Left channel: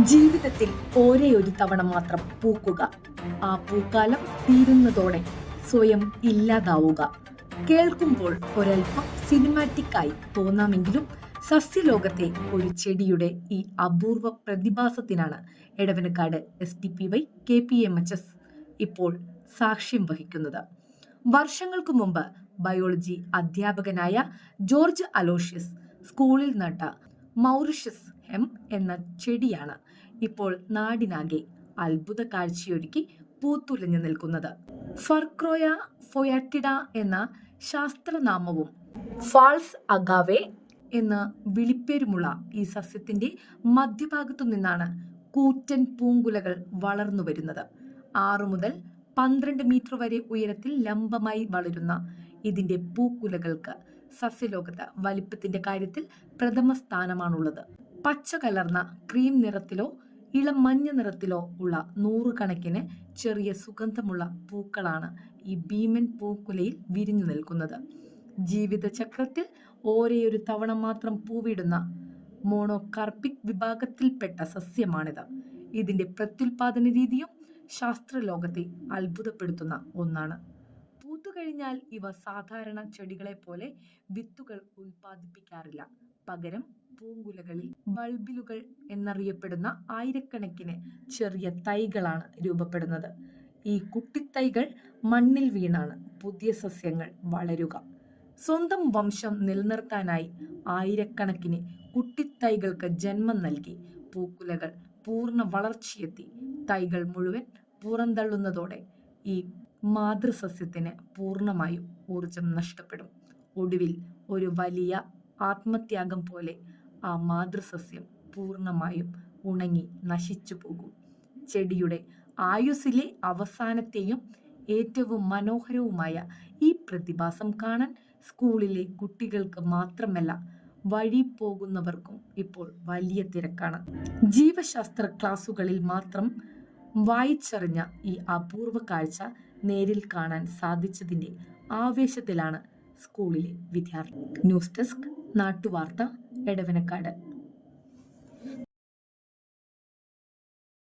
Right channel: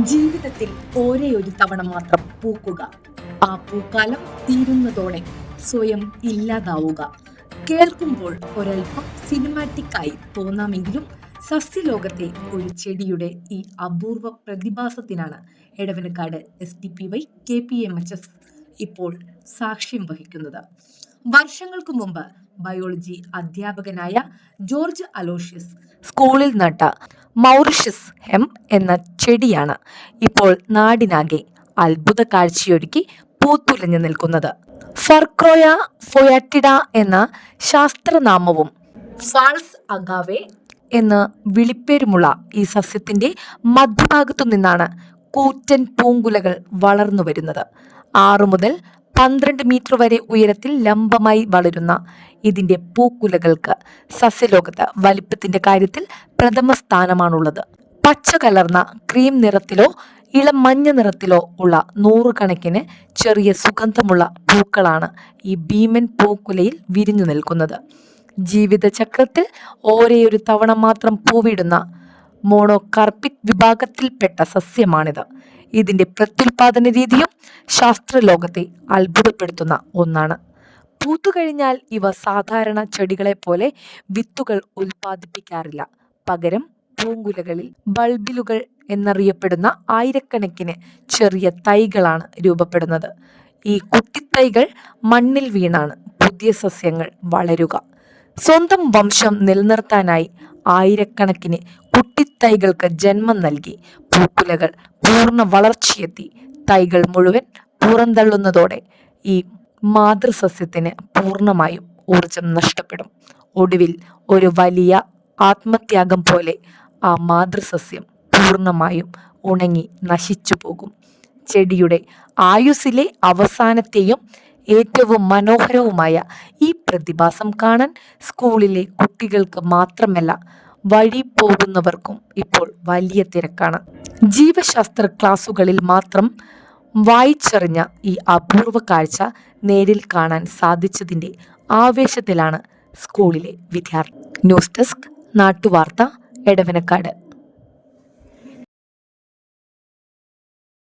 ജീവിതത്തിൽ ഒരേ ഒരു തവണ മാത്രം പൂക്കുക. ആ പൂക്കാലം തീരുന്നതോടെ സ്വയം ഇല്ലാതാവുക. കേൾക്കുമ്പോൾ ഒരൽപ്പം സിനിമാറ്റിക്കായി തോന്നാമെങ്കിലും സസ്യലോകത്തെ ഒരു ചെടിയുടെ ഈ അപൂർവ പ്രതിഭാസത്തിനാണ് എടവനക്കാട് SDPY KPMHS ഇപ്പോൾ സാക്ഷ്യം വഹിക്കുന്നത്. വർഷങ്ങൾക്ക് മുമ്പ് ബയോളജി അധ്യാപകനായ ജോർജ് അലോഷ്യസ് സ്കൂളിൽ നട്ട മൗറിഷ്യസ് ഹെം എന്ന ചെടിയാണ് ഇപ്പോൾ നാടിനാകെ അത്ഭുത കാഴ്ചയൊരുക്കി പൂത്തുലഞ്ഞു നിൽക്കുന്നത്. ഫർക്രോയ ഫൊയാറ്റിഡ എന്ന ശാസ്ത്രനാമവും ഫാൾസ് അഗാവെ എന്ന് വിളിപ്പേരുമുള്ള ഈ സസ്യത്തിന്റെ മധ്യഭാഗത്തു നിന്നാണ് കൂറ്റൻ പൂങ്കുലകൾ വളർന്നു വരുന്നത്. 6 മുതൽ 12 മീറ്റർ വരെ ഉയരത്തിൽ ലംബമായി വളരുന്ന ഇതിന്റെ പൂക്കുലകൾക്ക് സസ്യലോകത്ത് വലിപ്പത്തിന്റെ കാര്യത്തിൽ പ്രഥമ സ്ഥാനമാണുള്ളത്. പച്ച കലർന്ന ക്രീം നിറത്തിലോ ഇളം മഞ്ഞ നിറത്തിലോ ഉള്ള 100 കണക്കിന് ചെറിയ സുഗന്ധമുള്ള പൂക്കളാണ് ഈ ഭീമൻ പൂക്കുലയിൽ വിരിഞ്ഞു നിൽക്കുന്നത്. ജീവിതചക്രത്തിൽ ഒരേയൊരു തവണ മാത്രം പൂവിടുന്ന മോണോകാർപ്പിക് വിഭാഗത്തിൽപ്പെട്ട സസ്യമാണിത്. ഇതിന്റെ പ്രത്യുൽപാദന രീതിയും ശാസ്ത്രലോകത്തെ അത്ഭുതപ്പെടുത്തുന്ന ഒന്നാണ്. പൂത്തുകഴിഞ്ഞാൽ ഇവ സാധാരണ ചെടികളെ പോലെ വിത്തുകൾ ഉൽപ്പാദിപ്പിക്കാറില്ല. പകരം പൂങ്കുലകളിൽ ബൾബിലുകൾ എന്നറിയപ്പെടുന്ന ആയിരക്കണക്കിന് ചെറിയ തൈകളാണ് രൂപപ്പെടുന്നത്. ഈ കുട്ടിത്തൈകൾ മണ്ണിൽ വീണാണ് പുതിയ സസ്യങ്ങൾ വളരുക. സ്വന്തം വംശം നിലനിർത്താനായി ആയിരക്കണക്കിന് കുട്ടിത്തൈകൾക്ക് ജന്മം നൽകി പൂക്കുലകൾ പൂർണ്ണ വളർച്ചയെത്തി തൈകൾ മുഴുവൻ പുറന്തള്ളുന്നതോടെ ഈ മാതൃസസ്യത്തിന് പൂർണ്ണമായും ഊർജം നഷ്ടപ്പെടും. ഒടുവിൽ ഒരു വലിയ ആത്മത്യാഗം പോലെ ആ മാതൃസസ്യം പൂർണ്ണമായും ഉണങ്ങി നശിച്ചു പോകും. ചെടിയുടെ ആയുസ്സിലെ അവസാനത്തെയും ഏറ്റവും മനോഹരവുമായ ഈ പ്രതിഭാസം കാണാൻ സ്കൂളിലെ കുട്ടികൾക്ക് മാത്രമല്ല വഴി പോകുന്നവർക്കും ഇപ്പോൾ വലിയ തിരക്കാണ്. ജീവശാസ്ത്ര ക്ലാസുകളിൽ മാത്രം വായിച്ചറിഞ്ഞ ഈ അപൂർവ കാഴ്ച നേരിൽ കാണാൻ സാധിച്ചതിൻ്റെ ആവേശത്തിലാണ് സ്കൂളിലെ വിദ്യാർത്ഥി. ന്യൂസ് ഡെസ്ക്, നാട്ടുവാർത്ത, എടവനക്കാട്.